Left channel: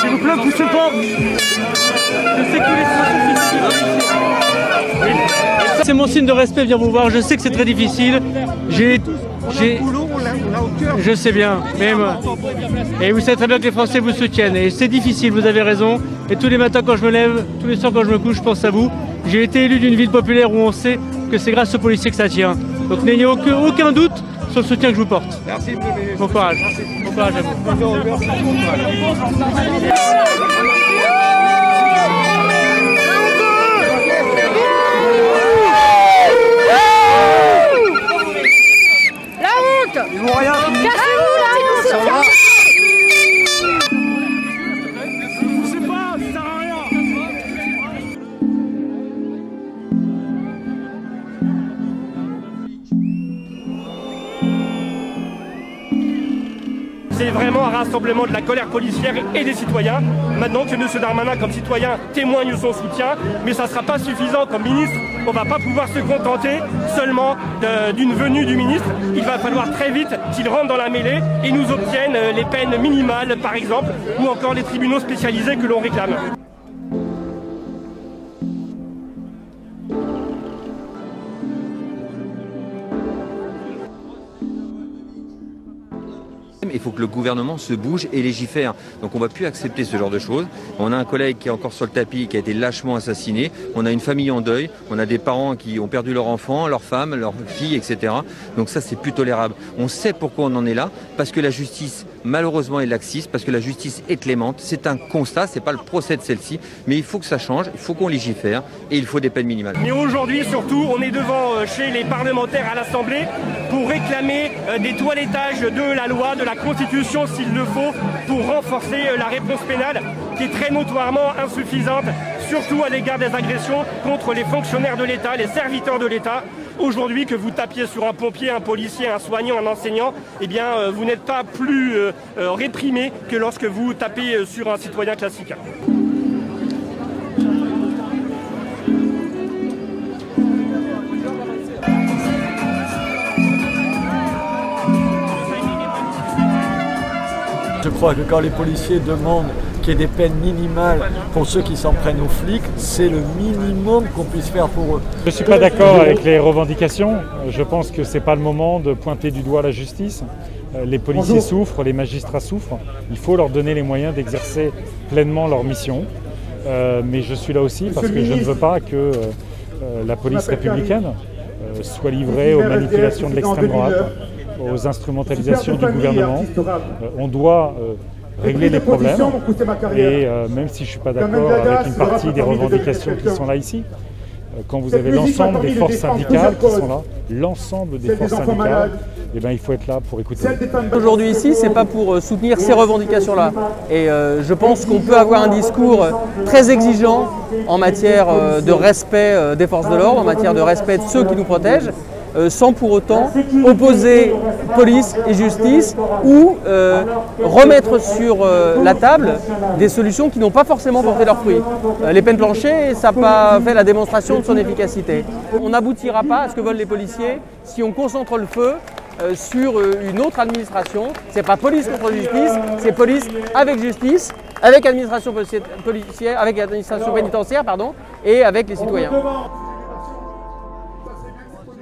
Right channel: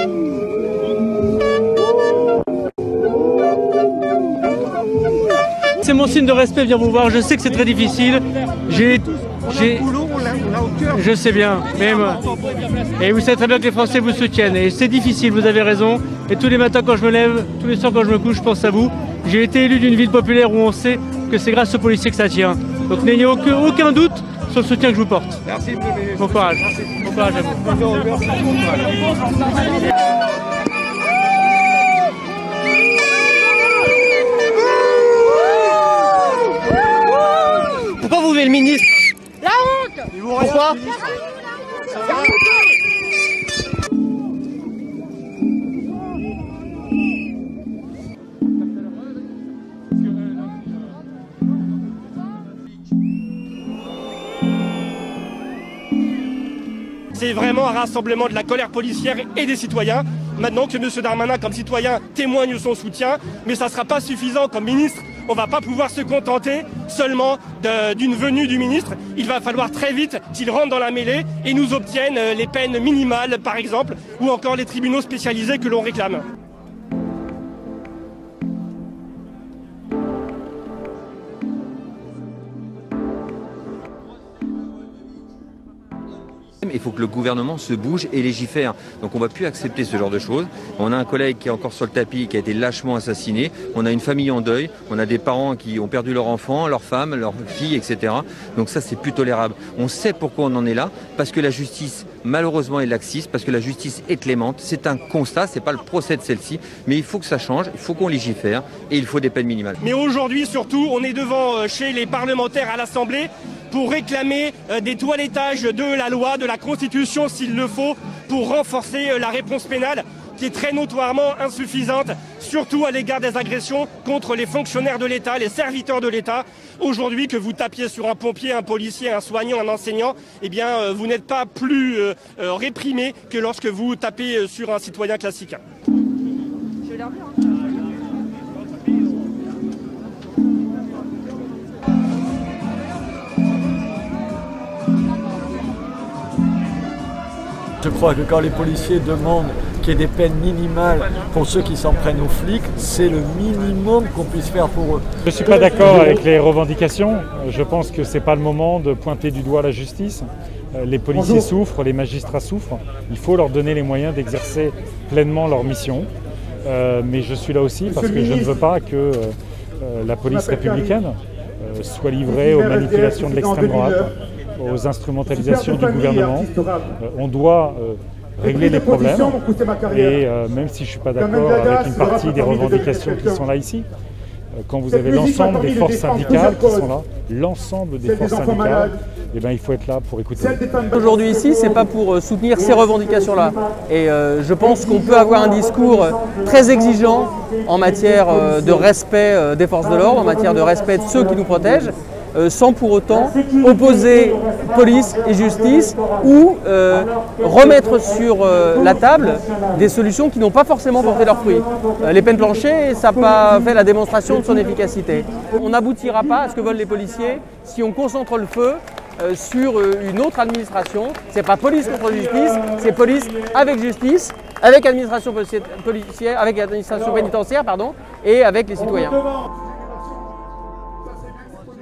S'il vous plaît, poussez pas. C'est mon signe de respect, viens vous voir. Je sais que c'est très difficile. Je sais bien, mais et vous savez très bien que les Français vous soutiennent. Et c'est difficile, vous avez raison. Et tous les matins quand je me lève, tous les soirs quand je me couche, je pense à vous. J'ai été élu d'une ville populaire où on sait que c'est grâce aux policiers que ça tient. Donc n'ayez aucun doute sur le soutien que je vous porte. Merci, bon courage. Bon courage à vous. Pourquoi vous voulez le ministre? La honte! Ils vont rien. Cassez-vous là! Ça va? C'est vraiment un rassemblement de la colère policière et des citoyens. Maintenant que M. Darmanin, comme citoyen, témoigne son soutien, mais ça ne sera pas suffisant comme ministre. On ne va pas pouvoir se contenter seulement d'une venue du ministre. Il va falloir très vite qu'il rentre dans la mêlée et nous obtienne les peines minimales, par exemple, ou encore les tribunaux spécialisés que l'on réclame. Il faut que le gouvernement se bouge et légifère. Donc on ne va plus accepter ce genre de choses. On a un collègue qui est encore sur le tapis, qui a été lâchement assassiné. On a une famille en deuil. On a des parents qui ont perdu leur enfant, leur femme, leur fille, etc. Donc ça, c'est plus tolérable. On sait pourquoi on en est là. Parce que la justice, malheureusement, est laxiste. Parce que la justice est clémente. C'est un constat. C'est pas le procès de celle-ci. Mais il faut que ça change. Il faut qu'on légifère. Et il faut des peines minimales. Mais aujourd'hui, surtout, on est devant chez les parlementaires à l'Assemblée pour réclamer des toilettages de la loi, de la Constitution s'il le faut, pour renforcer la réponse pénale qui est très notoirement insuffisante, surtout à l'égard des agressions contre les fonctionnaires de l'État, les serviteurs de l'État. Aujourd'hui, que vous tapiez sur un pompier, un policier, un soignant, un enseignant, eh bien, vous n'êtes pas plus réprimé que lorsque vous tapez sur un citoyen classique. Je crois que quand les policiers demandent qu'il y ait des peines minimales pour ceux qui s'en prennent aux flics, c'est le minimum qu'on puisse faire pour eux. Je ne suis pas d'accord avec les revendications. Je pense que ce n'est pas le moment de pointer du doigt la justice. Les policiers souffrent, les magistrats souffrent. Il faut leur donner les moyens d'exercer pleinement leur mission. Mais je suis là aussi parce que je ne veux pas que la police républicaine soit livrée aux manipulations de l'extrême droite, aux instrumentalisations du gouvernement. On doit régler les problèmes et même si je ne suis pas d'accord avec une partie des revendications qui sont là ici, quand vous avez l'ensemble des forces syndicales qui sont là, l'ensemble des forces syndicales, eh bien, il faut être là pour écouter. Aujourd'hui ici, ce n'est pas pour soutenir ces revendications-là. Et je pense qu'on peut avoir un discours très exigeant en matière de respect des forces de l'ordre, en matière de respect de ceux qui nous protègent, sans pour autant opposer police et justice ou remettre sur la table des solutions qui n'ont pas forcément porté leurs fruits. Les peines planchers, ça n'a pas fait la démonstration de son efficacité. On n'aboutira pas à ce que veulent les policiers si on concentre le feu sur une autre administration. C'est pas police contre justice, c'est police avec justice, avec administration policière, avec administration pénitentiaire, pardon, et avec les citoyens.